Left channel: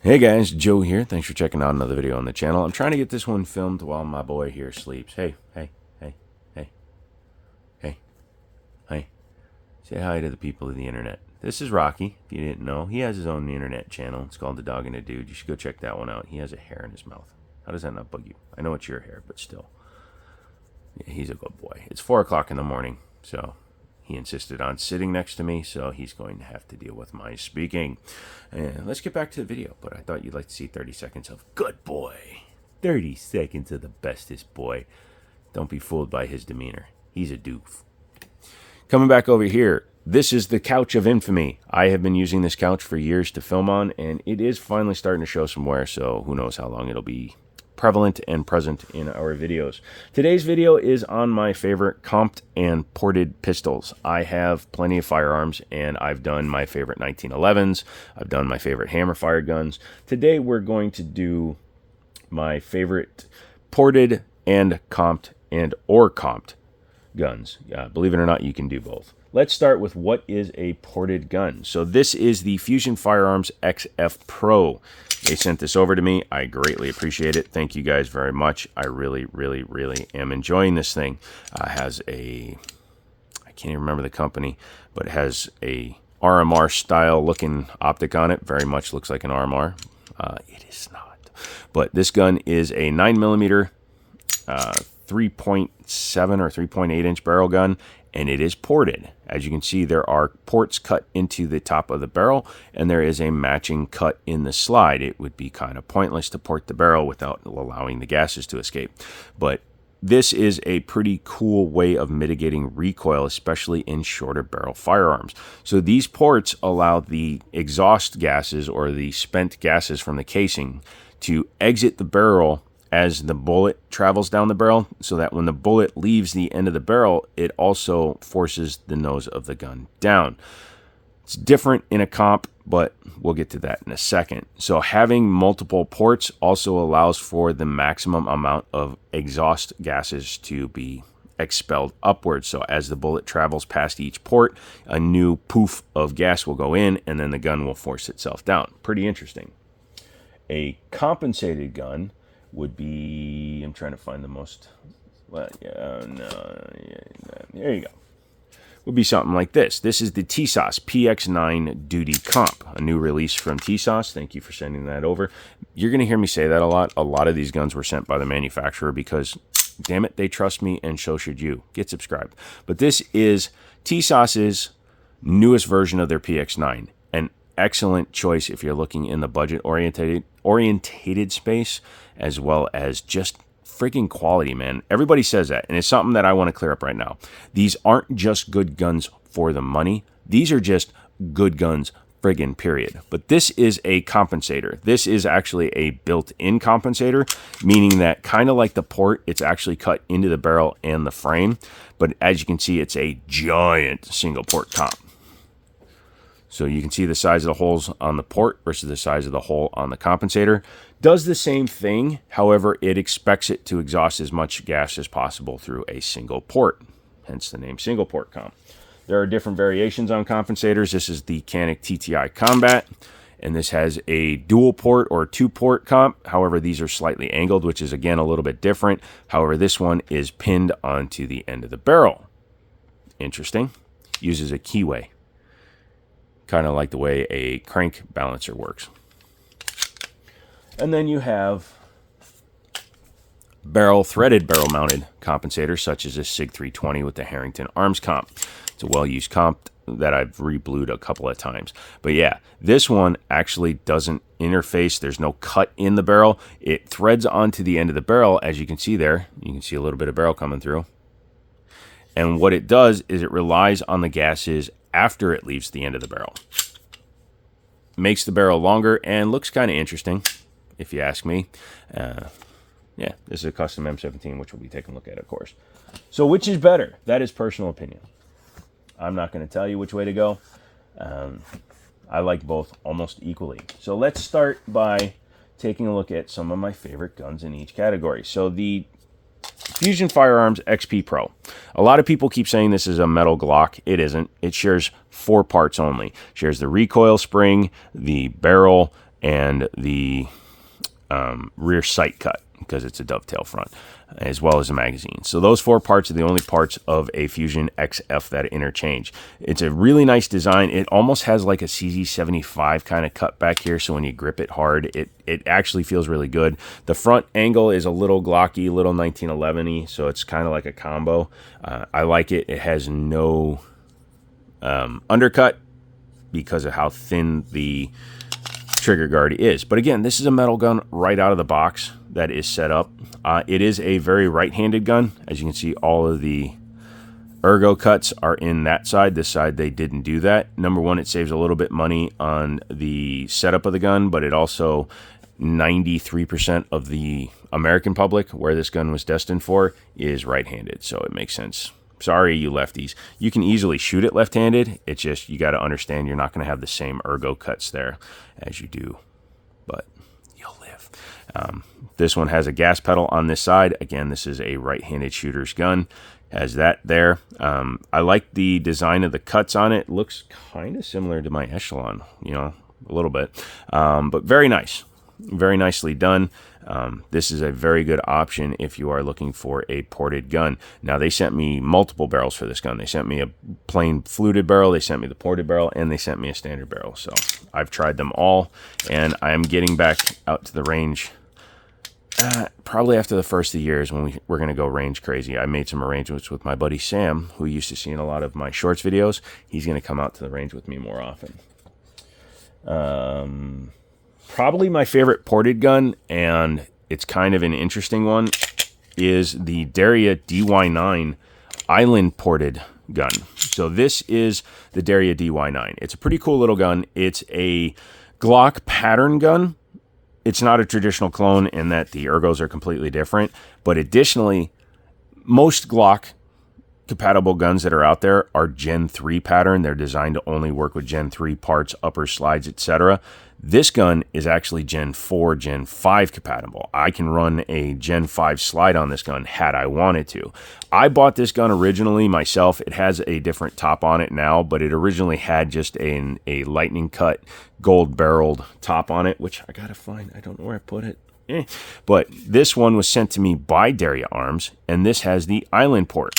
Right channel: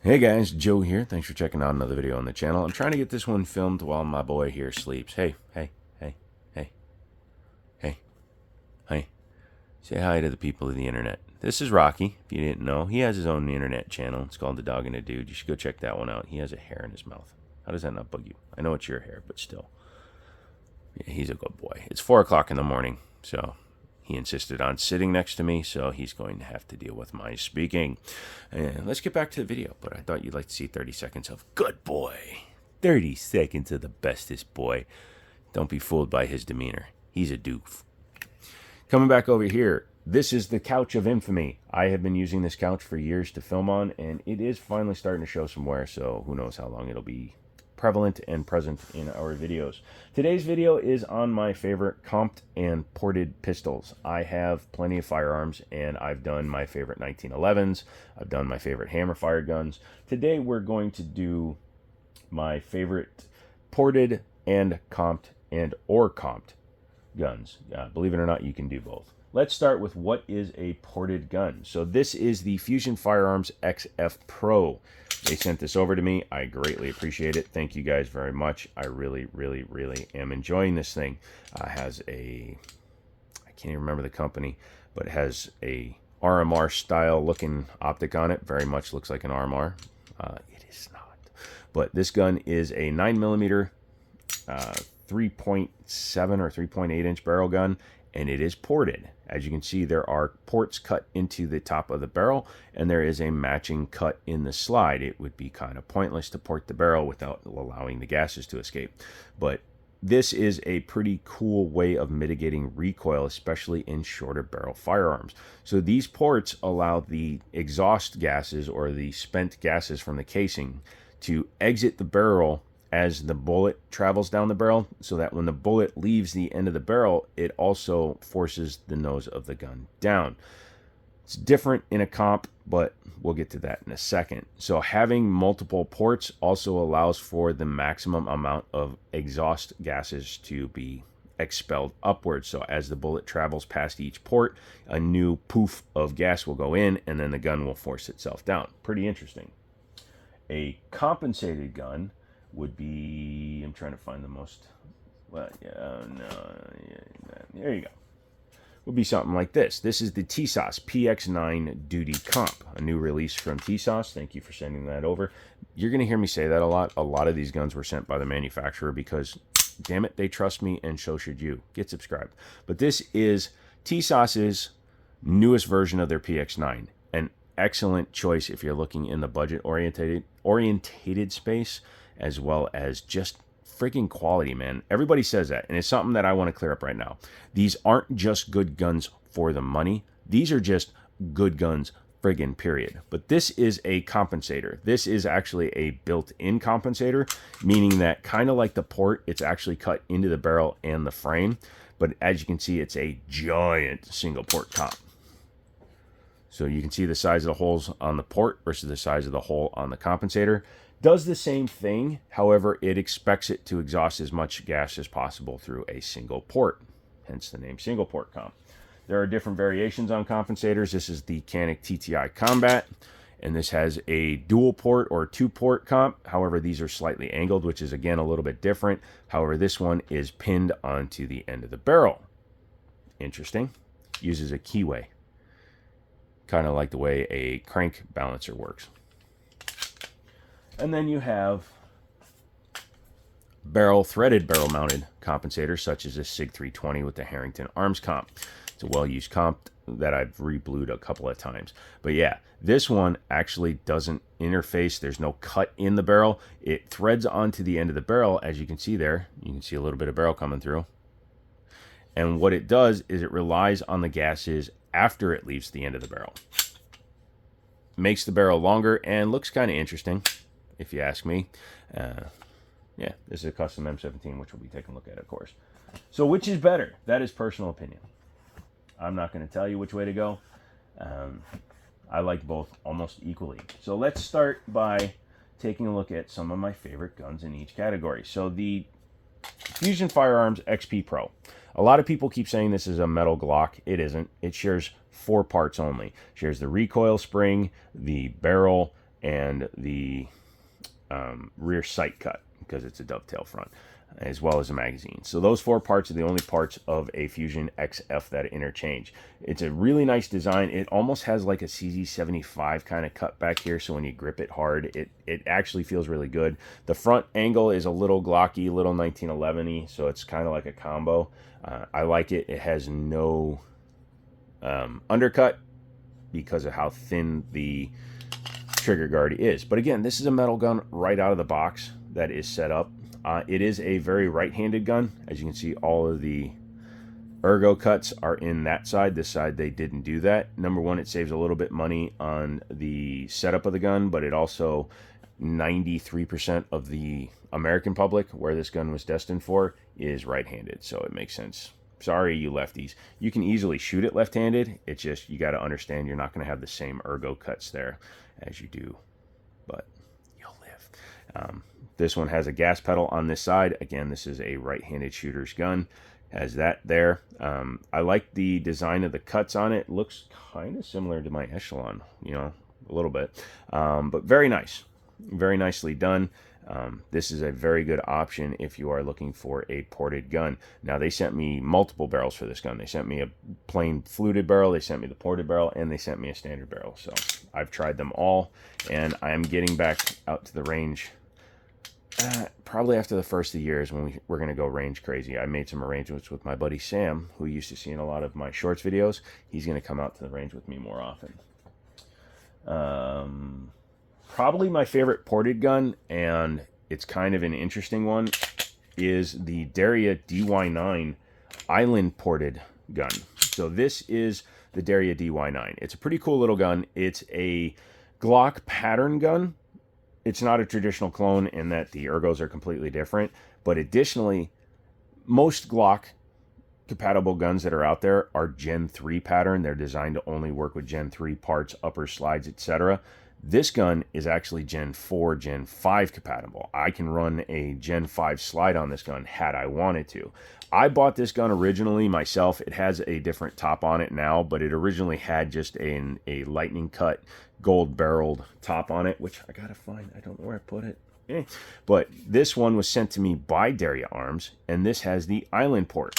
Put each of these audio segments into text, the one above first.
Hey guys, Joe here. Thanks for checking out another video on the channel. I'm trying to get this one filmed while my boy here sleeps. Hey, hey, hey, hey, hey, hey. Say hi to the people of the internet. This is Rocky, if you didn't know. He has his own internet channel. It's called The Dog and a Dude. You should go check that one out. He has a hair in his mouth. How does that not bug you? I know it's your hair, but still. Yeah, he's a good boy. It's 4 o'clock in the morning, so he insisted on sitting next to me, so he's going to have to deal with my speaking. And let's get back to the video, but I thought you'd like to see 30 seconds of good boy. 30 seconds of the bestest boy. Don't be fooled by his demeanor. He's a doof. Coming back over here, this is the couch of infamy. I have been using this couch for years to film on, and it is finally starting to show some wear, so who knows how long it'll be prevalent and present in our videos. Today's video is on my favorite comped and ported pistols. I have plenty of firearms, and I've done my favorite 1911s. I've done my favorite hammer fire guns. Today we're going to do my favorite ported and comped or comped guns. Believe it or not, you can do both. Let's start with what is a ported gun. So this is the Fusion Firearms XF Pro. They sent this over to me. I greatly appreciate it. Thank you guys very much. I really, really, really am enjoying this thing. Has a, I can't even remember the company, but it has a RMR style looking optic on it. Very much looks like an RMR. It is not. But this gun is a 9mm 3.7 or 3.8 inch barrel gun, and it is ported. As you can see, there are ports cut into the top of the barrel, and there is a matching cut in the slide. It would be kind of pointless to port the barrel without allowing the gases to escape. But this is a pretty cool way of mitigating recoil, especially in shorter barrel firearms. So these ports allow the exhaust gases or the spent gases from the casing to exit the barrel as the bullet travels down the barrel, so that when the bullet leaves the end of the barrel, it also forces the nose of the gun down. It's different in a comp, but we'll get to that in a second. So having multiple ports also allows for the maximum amount of exhaust gases to be expelled upwards. So as the bullet travels past each port, a new poof of gas will go in, and then the gun will force itself down. Pretty interesting. A compensated gun would be, I'm trying to find the most, well, yeah, no, yeah, there you go. Would be something like this. This is the Tisas PX9 Duty Comp, a new release from Tisas. Thank you for sending that over. You're going to hear me say that a lot. A lot of these guns were sent by the manufacturer because, damn it, they trust me, and so should you. Get subscribed. But this is Tisas's newest version of their PX9. An excellent choice if you're looking in the budget-orientated space, as well as just freaking quality, man. Everybody says that, and it's something that I want to clear up right now. These aren't just good guns for the money. These are just good guns, friggin' period. But this is a compensator. This is actually a built-in compensator, meaning that kind of like the port, it's actually cut into the barrel and the frame. But as you can see, it's a giant single port comp. So you can see the size of the holes on the port versus the size of the hole on the compensator. Does the same thing, however, it expects it to exhaust as much gas as possible through a single port, hence the name single port comp. There are different variations on compensators. This is the Canik TTI Combat, and this has a dual port or two port comp. However, these are slightly angled, which is again a little bit different. However, this one is pinned onto the end of the barrel. Interesting. Uses a keyway, kind of like the way a crank balancer works. And then you have threaded barrel mounted compensators, such as this SIG 320 with the Harrington Arms comp. It's a well-used comp that I've re-blued a couple of times. But yeah, this one actually doesn't interface. There's no cut in the barrel. It threads onto the end of the barrel, as you can see there. You can see a little bit of barrel coming through. And what it does is it relies on the gases after it leaves the end of the barrel. Makes the barrel longer and looks kind of interesting, if you ask me. Yeah, this is a custom M17, which we'll be taking a look at, of course. So which is better? That is personal opinion. I'm not going to tell you which way to go. I like both almost equally. So let's start by taking a look at some of my favorite guns in each category. So the Fusion Firearms XP Pro. A lot of people keep saying this is a metal Glock. It isn't. It shares 4 parts only. It shares the recoil spring, the barrel, and the rear sight cut, because it's a dovetail front, as well as a magazine. So those 4 parts are the only parts of a Fusion XF that interchange. It's a really nice design. It almost has like a CZ75 kind of cut back here, so when you grip it hard, it actually feels really good. The front angle is a little glocky, little 1911-y, so it's kind of like a combo. I like it. It has no undercut because of how thin the trigger guard is. But again, this is a metal gun right out of the box that is set up. It is a very right-handed gun. As you can see, all of the ergo cuts are in that side. This side, they didn't do that. Number one, it saves a little bit money on the setup of the gun, but it also, 93% of the American public, where this gun was destined for, is right-handed. So it makes sense. Sorry, you lefties. You can easily shoot it left-handed. It's just, you got to understand you're not going to have the same ergo cuts there as you do, but you'll live. This one has a gas pedal on this side. Again, this is a right-handed shooter's gun. Has that there. I like the design of the cuts on it. Looks kind of similar to my Echelon, you know, a little bit. But very nice. Very nicely done. This is a very good option if you are looking for a ported gun. Now, they sent me multiple barrels for this gun. They sent me a plain fluted barrel, they sent me the ported barrel, and they sent me a standard barrel. So I've tried them all, and I am getting back out to the range probably after the first of the year is when we're going to go range crazy. I made some arrangements with my buddy Sam, who used to see in a lot of my shorts videos. He's going to come out to the range with me more often. Probably my favorite ported gun, and it's kind of an interesting one, is the Derya DY9 island ported gun. So this is the Derya DY9. It's a pretty cool little gun. It's a Glock pattern gun. It's not a traditional clone in that the ergos are completely different, but additionally, most Glock compatible guns that are out there are Gen 3 pattern. They're designed to only work with Gen 3 parts, upper slides, etc. This gun is actually Gen 4, Gen 5 compatible. I can run a Gen 5 slide on this gun had I wanted to. I bought this gun originally myself. It has a different top on it now, but it originally had just a lightning cut gold barreled top on it, which I gotta find. I don't know where I put it. But this one was sent to me by Derya Arms, and this has the island port.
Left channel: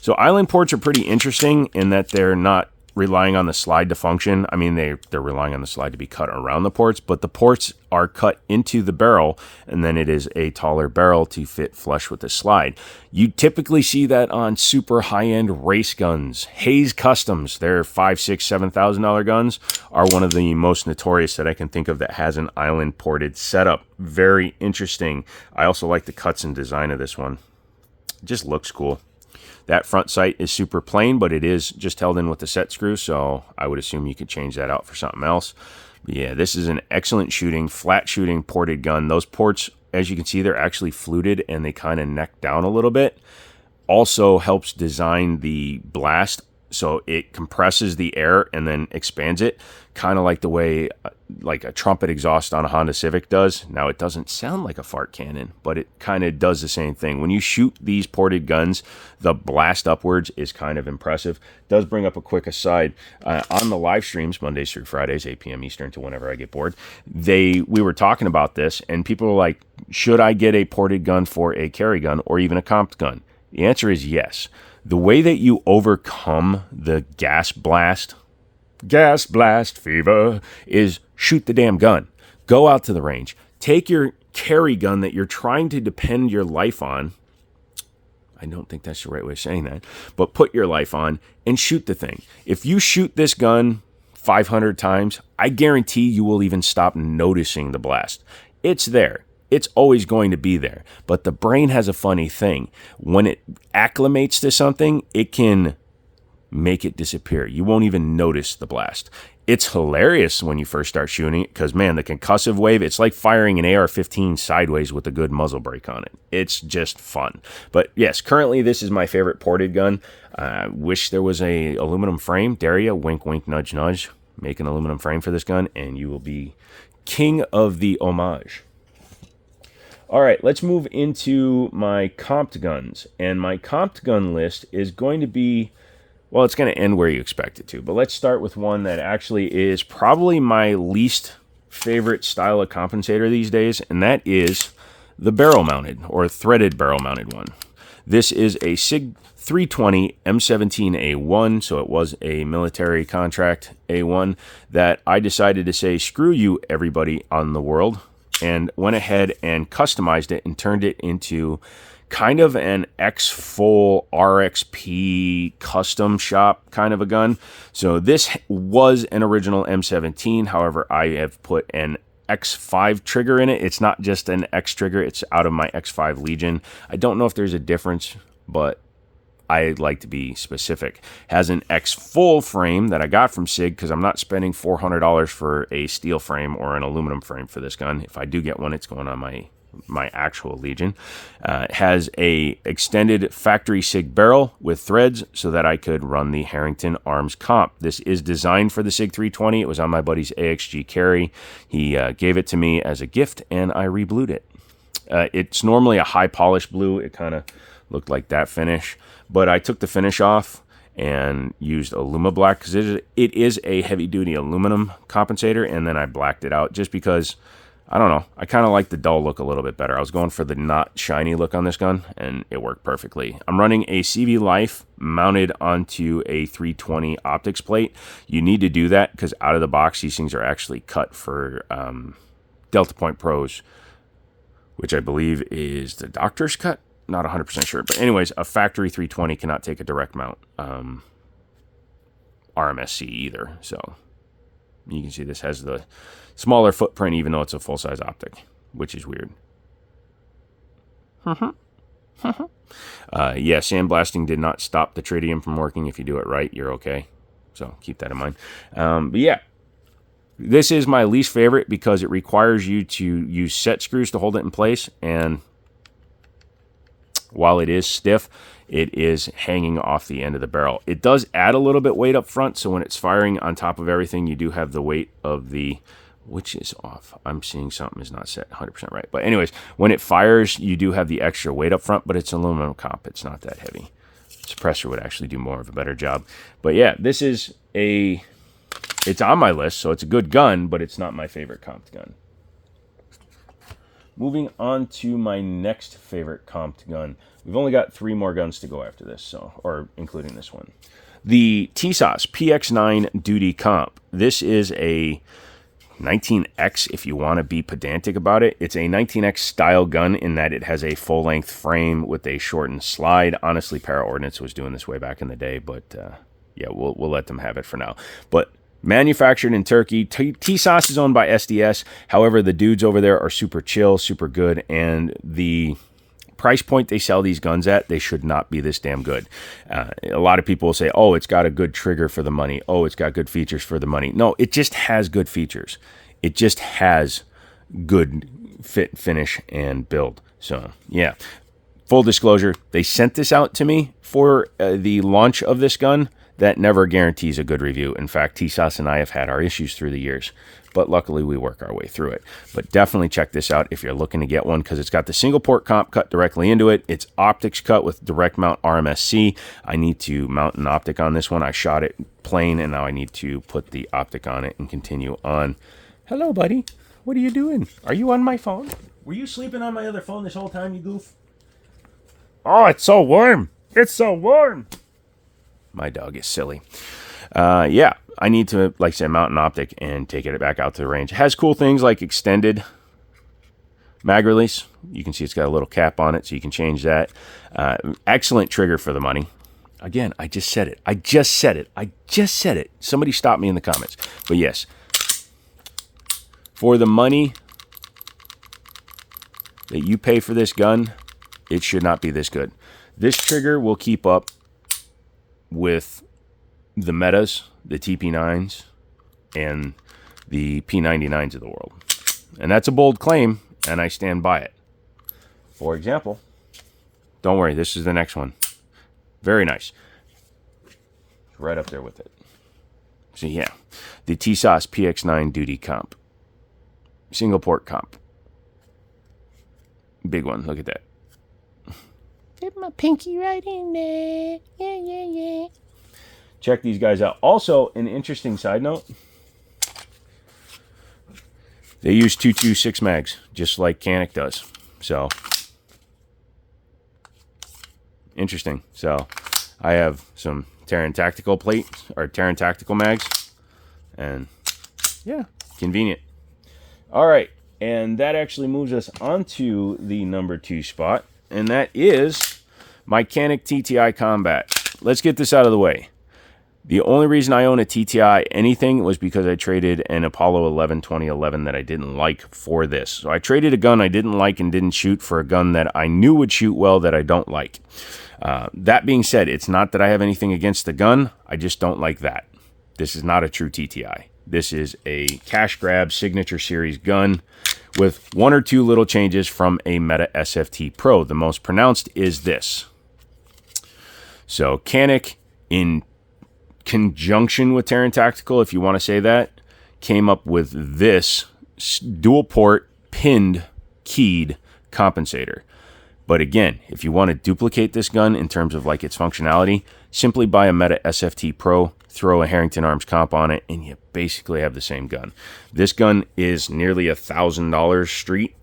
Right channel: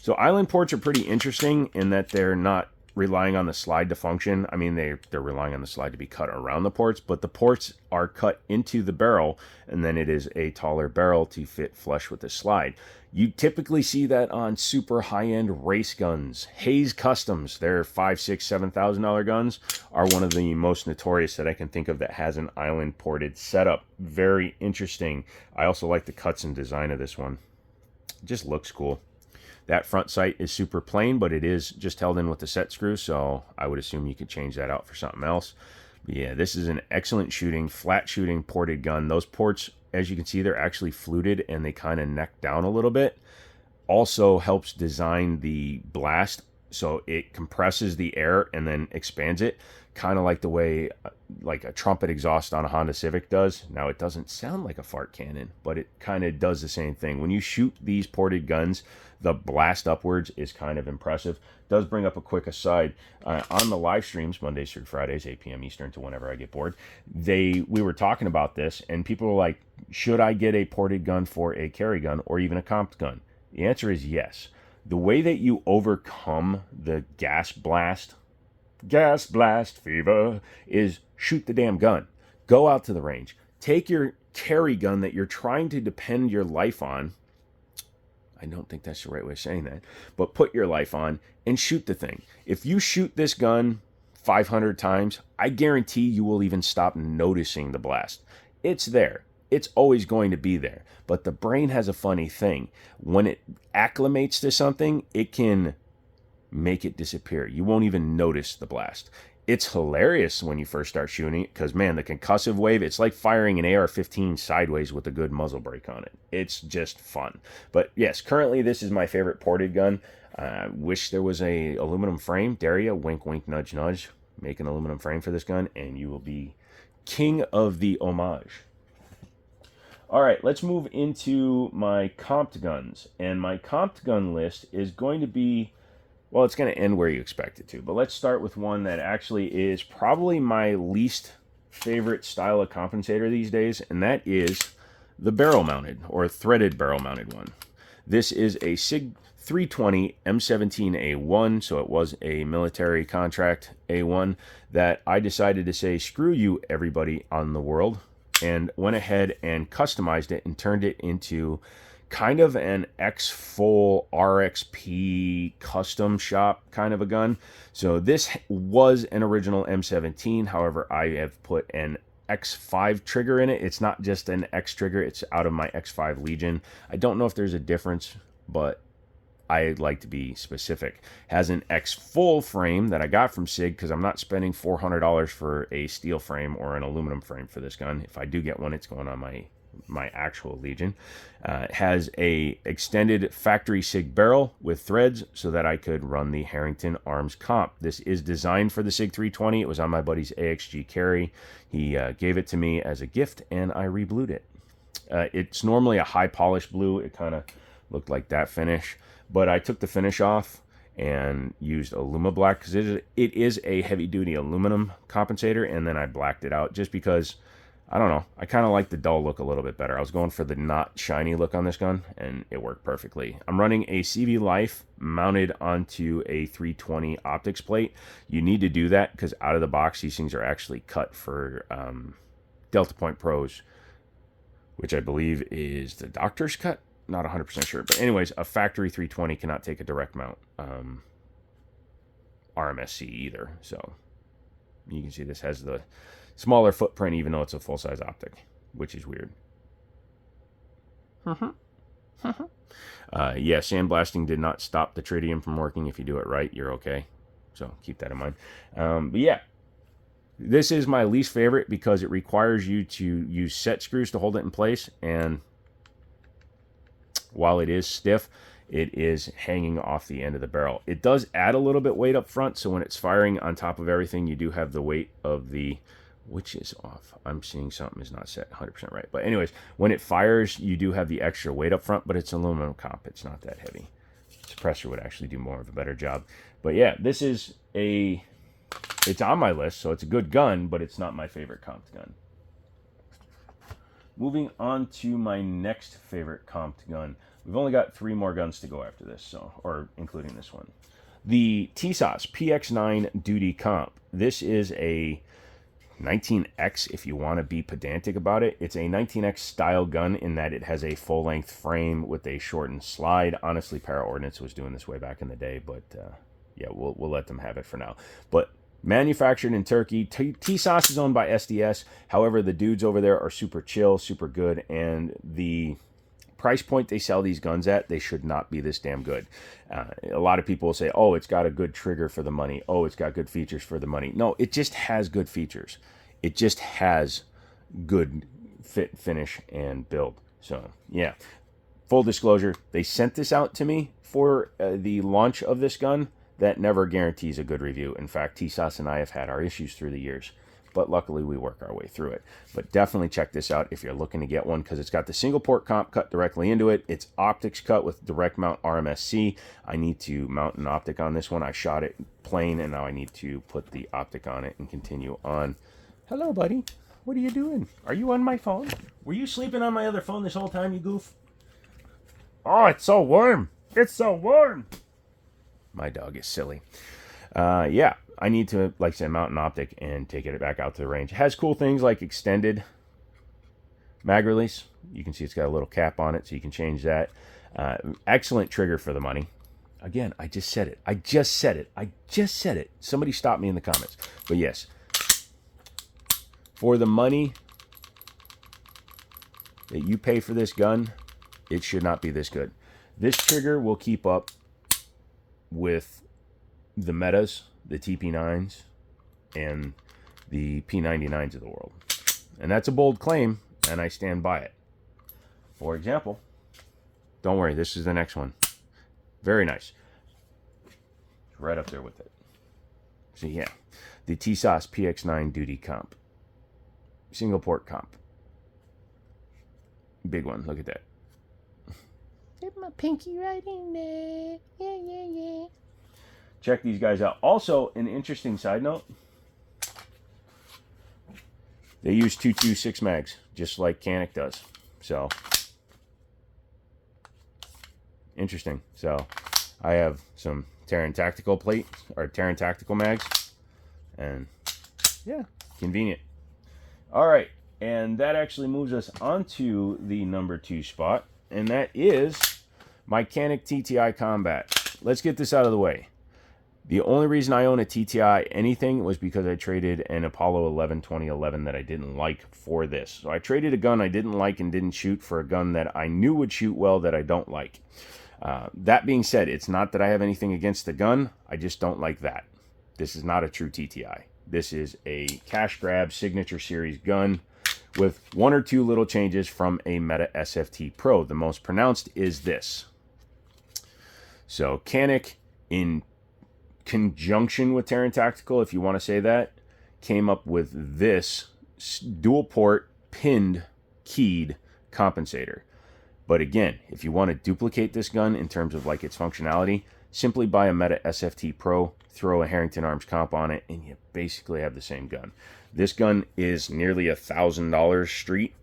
So island ports are pretty interesting in that they're not relying on the slide to function. I mean, they're relying on the slide to be cut around the ports, but the ports are cut into the barrel, and then it is a taller barrel to fit flush with the slide. You typically see that on super high-end race guns. Hayes Customs, their $5,000, $6,000, $7,000 guns, are one of the most notorious that I can think of that has an island ported setup. Very interesting. I also like the cuts and design of this one. It just looks cool. That front sight is super plain, but it is just held in with the set screw, so I would assume you could change that out for something else. But yeah, this is an excellent shooting, flat shooting ported gun. Those ports, as you can see, they're actually fluted and they kind of neck down a little bit. Also helps design the blast, so it compresses the air and then expands it, kind of like the way like a trumpet exhaust on a Honda Civic does. Now, it doesn't sound like a fart cannon, but it kind of does the same thing. When you shoot these ported guns, the blast upwards is kind of impressive. Does bring up a quick aside. On the live streams, Mondays through Fridays, 8 p.m. Eastern to whenever I get bored, we were talking about this, and people were like, should I get a ported gun for a carry gun or even a comp gun? The answer is yes. The way that you overcome the gas blast fever, is shoot the damn gun. Go out to the range. Take your carry gun that you're trying to depend your life on. I don't think that's the right way of saying that, but put your life on and shoot the thing. If you shoot this gun 500 times, I guarantee you will even stop noticing the blast. It's there. It's always going to be there. But the brain has a funny thing. When it acclimates to something, it can make it disappear. You won't even notice the blast. It's hilarious when you first start shooting it because, man, the concussive wave, it's like firing an AR-15 sideways with a good muzzle brake on it. It's just fun. But yes, currently this is my favorite ported gun. I wish there was a aluminum frame. Derya, wink, wink, nudge, nudge. Make an aluminum frame for this gun and you will be king of the homage. All right, let's move into my comped guns. And my comped gun list is going to be, well, it's going to end where you expect it to. But let's start with one that actually is probably my least favorite style of compensator these days, and that is the barrel-mounted or threaded barrel-mounted one. This is a SIG 320 M17A1, so it was a military contract A1 that I decided to say, screw you, everybody on the world, and went ahead and customized it and turned it into kind of an X-Full RXP custom shop kind of a gun. So this was an original M17. However, I have put an X5 trigger in it. It's not just an X trigger. It's out of my X5 Legion. I don't know if there's a difference, but I like to be specific. Has an X full frame that I got from SIG because I'm not spending $400 for a steel frame or an aluminum frame for this gun. If I do get one, it's going on my actual Legion. Has a extended factory SIG barrel with threads so that I could run the Harrington Arms Comp. This is designed for the SIG 320. It was on my buddy's AXG carry. He gave it to me as a gift, and I reblued it. It's normally a high polish blue. It kind of looked like that finish, but I took the finish off and used Aluma-Black because it is a heavy-duty aluminum compensator, and then I blacked it out just because, I don't know, I kind of like the dull look a little bit better. I was going for the not shiny look on this gun, and it worked perfectly. I'm running a CV Life mounted onto a 320 optics plate. You need to do that because out of the box, these things are actually cut for Delta Point Pros, which I believe is the doctor's cut. Not 100% sure. But anyways, a factory 320 cannot take a direct mount RMSC either. So you can see this has the smaller footprint even though it's a full-size optic, which is weird. Yeah, sandblasting did not stop the tritium from working. If you do it right, you're okay. So keep that in mind. But yeah, this is my least favorite because it requires you to use set screws to hold it in place, and while it is stiff, it is hanging off the end of the barrel. It does add a little bit weight up front, so when it's firing on top of everything, you do have the weight of the, which is off. I'm seeing something is not set 100% right. But anyways, when it fires, you do have the extra weight up front, but it's aluminum comp. It's not that heavy. Suppressor would actually do more of a better job. But yeah, this is it's on my list, so it's a good gun, but it's not my favorite comped gun. Moving on to my next favorite comped gun. We've only got 3 more guns to go after this, or including this one. The Tisas PX9 Duty Comp. This is a 19X if you want to be pedantic about it. It's a 19X style gun in that it has a full-length frame with a shortened slide. Honestly, Para Ordnance was doing this way back in the day, but yeah, we'll let them have it for now. But manufactured in Turkey. Tisas is owned by SDS. However, the dudes over there are super chill, super good, and the price point they sell these guns at, they should not be this damn good. A lot of people will say, oh, it's got a good trigger for the money. Oh, it's got good features for the money. No, it just has good features. It just has good fit, finish, and build. So, yeah. Full disclosure, they sent this out to me for the launch of this gun. That never guarantees a good review. In fact, Tisas and I have had our issues through the years, but luckily we work our way through it. But definitely check this out if you're looking to get one, because it's got the single port comp cut directly into it. It's optics cut with direct mount RMSC. I need to mount an optic on this one. I shot it plain, and now I need to put the optic on it and continue on. Hello, buddy. What are you doing? Are you on my phone? Were you sleeping on my other phone this whole time, you goof? Oh, it's so warm. It's so warm. My dog is silly. Yeah, I need to, like I said, mount an optic and take it back out to the range. It has cool things like extended mag release. You can see it's got a little cap on it, so you can change that. Excellent trigger for the money. Again, I just said it. I just said it. I just said it. Somebody stop me in the comments. But yes, for the money that you pay for this gun, it should not be this good. This trigger will keep up with the metas, the TP9s, and the P99s of the world. And that's a bold claim, and I stand by it. For example, don't worry, this is the next one. Very nice. Right up there with it. So yeah, the Tisas PX9 Duty Comp. Single port comp. Big one, look at that. Get my pinky right in there. Yeah, yeah, yeah. Check these guys out. Also, an interesting side note. They use 226 mags, just like Canik does. So, interesting. So, I have some Terran Tactical plate, or Terran Tactical mags, and yeah, convenient. All right, and that actually moves us onto the number 2 spot, and that is my Canik TTI Combat. Let's get this out of the way. The only reason I own a TTI anything was because I traded an Apollo 11 2011 that I didn't like for this. So I traded a gun I didn't like and didn't shoot for a gun that I knew would shoot well that I don't like. That being said, it's not that I have anything against the gun. I just don't like that. This is not a true TTI. This is a cash grab signature series gun with 1 or 2 little changes from a Meta SFT Pro. The most pronounced is this. So Canik, in conjunction with Terran Tactical, if you want to say that, came up with this dual port pinned keyed compensator. But again, if you want to duplicate this gun in terms of like its functionality, simply buy a Meta SFT Pro, throw a Harrington Arms comp on it, and you basically have the same gun. This gun is nearly $1,000 street.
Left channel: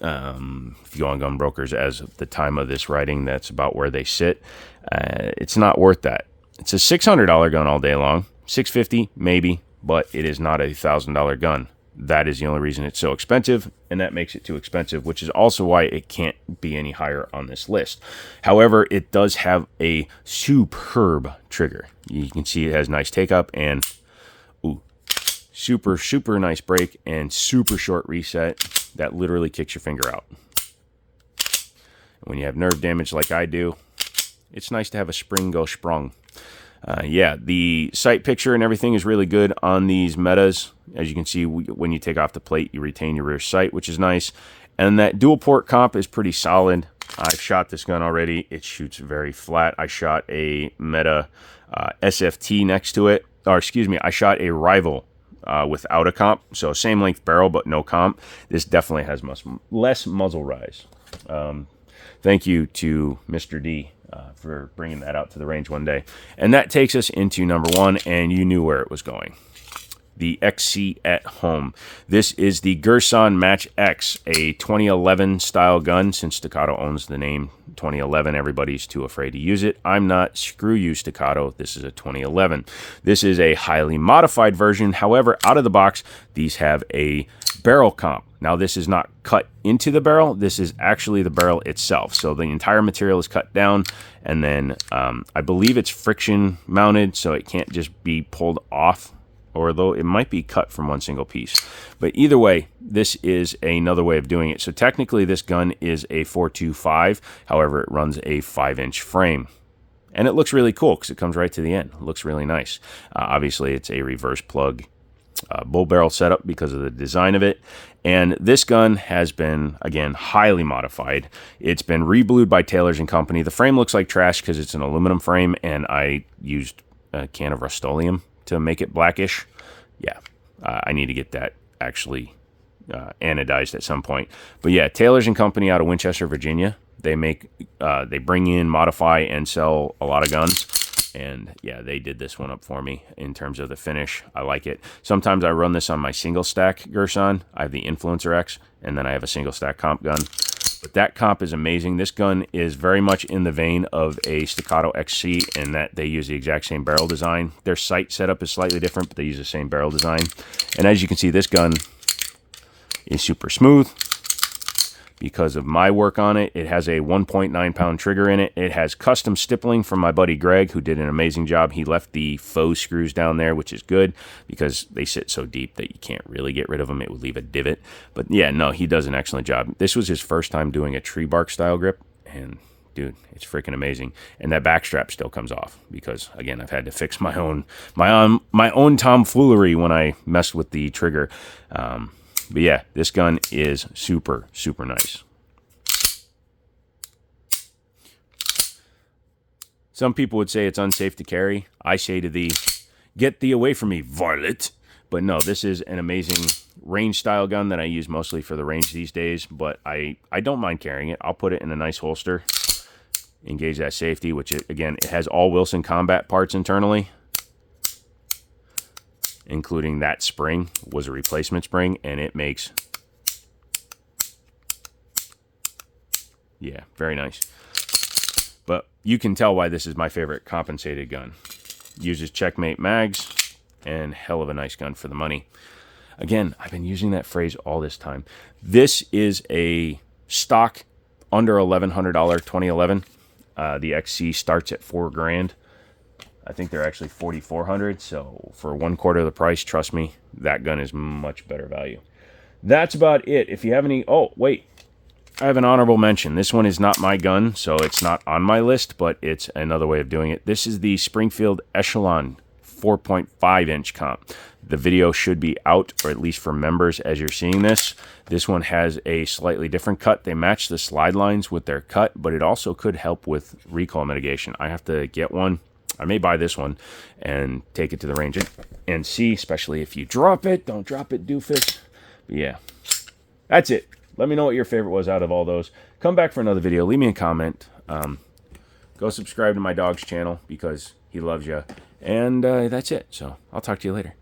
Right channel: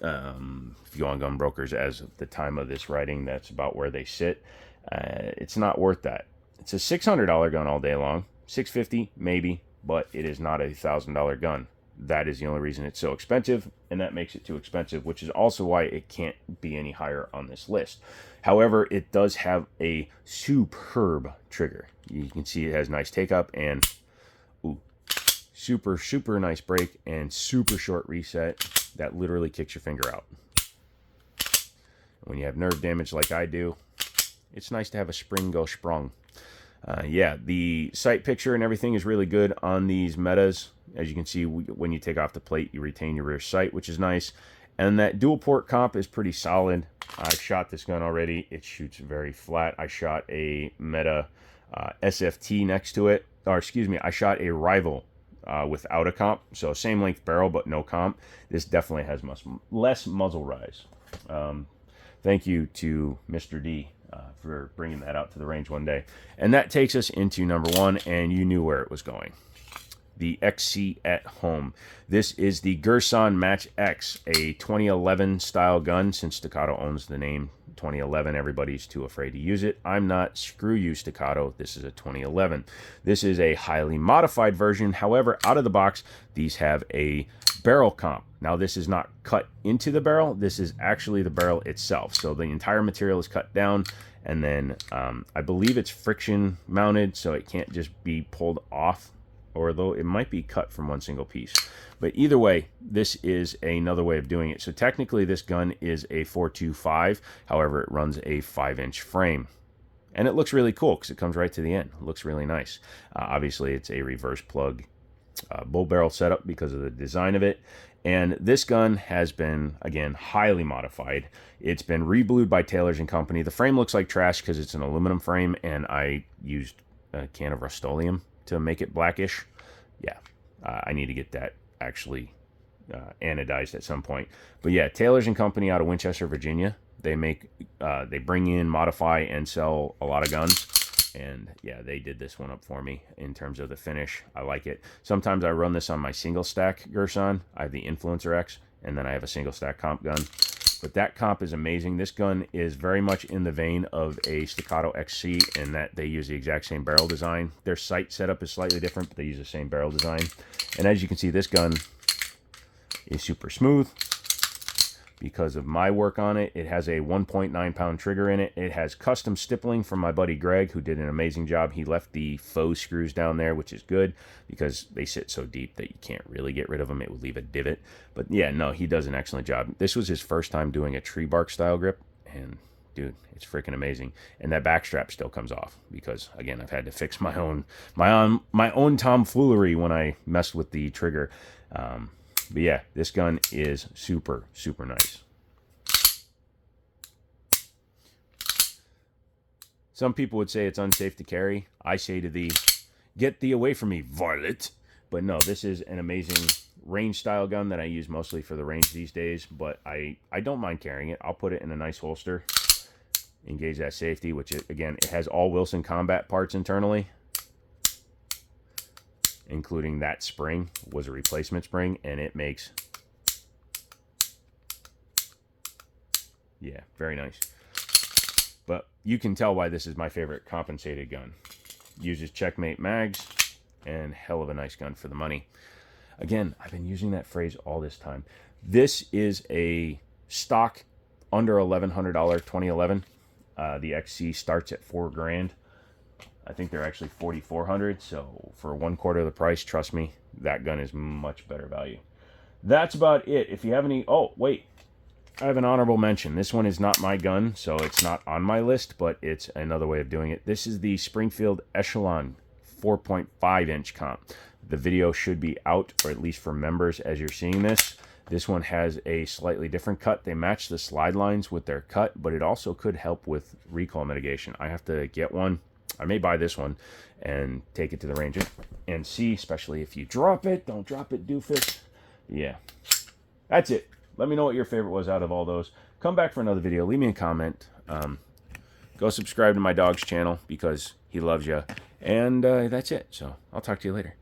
If you go on Gun Brokers as of the time of this writing, that's about where they sit. It's not worth that. It's a $600 gun all day long, $650 maybe, but it is not a $1,000 gun. That is the only reason it's so expensive, and that makes it too expensive, which is also why it can't be any higher on this list. However, it does have a superb trigger. You can see it has nice take-up and super, super nice break and super short reset that literally kicks your finger out. When you have nerve damage like I do, it's nice to have a spring go sprung. Yeah, the sight picture and everything is really good on these Metas. As you can see, when you take off the plate, you retain your rear sight, which is nice. And that dual port comp is pretty solid. I've shot this gun already. It shoots very flat. I shot a Meta SFT next to it. Or excuse me, I shot a Rival without a comp. So same length barrel, but no comp. This definitely has less muzzle rise. Thank you to Mr. D for bringing that out to the range one day. And that takes us into number 1, and you knew where it was going. The XC at home. This is the Gerson Match X, a 2011 style gun. Since Staccato owns the name 2011, everybody's too afraid to use it. I'm not. Screw you, Staccato. This is a 2011. This is a highly modified version. However, out of the box, these have a barrel comp. Now, this is not cut into the barrel. This is actually the barrel itself. So the entire material is cut down, and then I believe it's friction mounted, so it can't just be pulled off, although it might be cut from one single piece. But either way, this is another way of doing it. So technically, this gun is a 425. However, it runs a 5-inch frame. And it looks really cool because it comes right to the end. It looks really nice. Obviously, it's a reverse plug bull barrel setup because of the design of it. And this gun has been, again, highly modified. It's been reblued by Taylor's & Company. The frame looks like trash because it's an aluminum frame, and I used a can of Rust-Oleum to make it blackish. Yeah, I need to get that actually anodized at some point. But yeah, Taylor's & Company out of Winchester, Virginia. They bring in, modify, and sell a lot of guns. And yeah, they did this one up for me in terms of the finish. I like it. Sometimes I run this on my single stack Gerson. I have the Influencer X, and then I have a single stack comp gun. But that comp is amazing. This gun is very much in the vein of a Staccato XC in that they use the exact same barrel design. Their sight setup is slightly different, but they use the same barrel design. And as you can see, this gun is super smooth. Because of my work on it, it has a 1.9 pound trigger in it. It has custom stippling from my buddy Greg, who did an amazing job. He left the faux screws down there, which is good because they sit so deep that you can't really get rid of them. It would leave a divot. But yeah, no, he does an excellent job. This was his first time doing a tree bark style grip, and dude, it's freaking amazing. And that back strap still comes off because, again, I've had to fix my own tomfoolery when I messed with the trigger. But yeah, this gun is super, super nice. Some people would say it's unsafe to carry. I say to thee, get thee away from me, varlet. But no, this is an amazing range style gun that I use mostly for the range these days. But I don't mind carrying it. I'll put it in a nice holster. Engage that safety, which, again, it has all Wilson Combat parts internally. including that spring was a replacement spring, and it makes, yeah, very nice. But you can tell why this is my favorite compensated gun. Uses checkmate mags, and hell of a nice gun for the money. Again, I've been using that phrase all this time. This is a stock under $1,100 2011. The XC starts at $4 grand. I think they're actually $4,400. So for 1/4 of the price, trust me, that gun is much better value. That's about it. If you have any, oh wait, I have an honorable mention. This one is not my gun, so it's not on my list, but it's another way of doing it. This is the Springfield Echelon 4.5 inch comp. The video should be out, or at least for members as you're seeing this. This one has a slightly different cut. They match the slide lines with their cut, but it also could help with recoil mitigation. I have to get one. I may buy this one and take it to the range and see, especially if you drop it. Don't drop it, doofus. But yeah, that's it. Let me know what your favorite was out of all those. Come back for another video. Leave me a comment. Go subscribe to my dog's channel because he loves you. And that's it. So I'll talk to you later.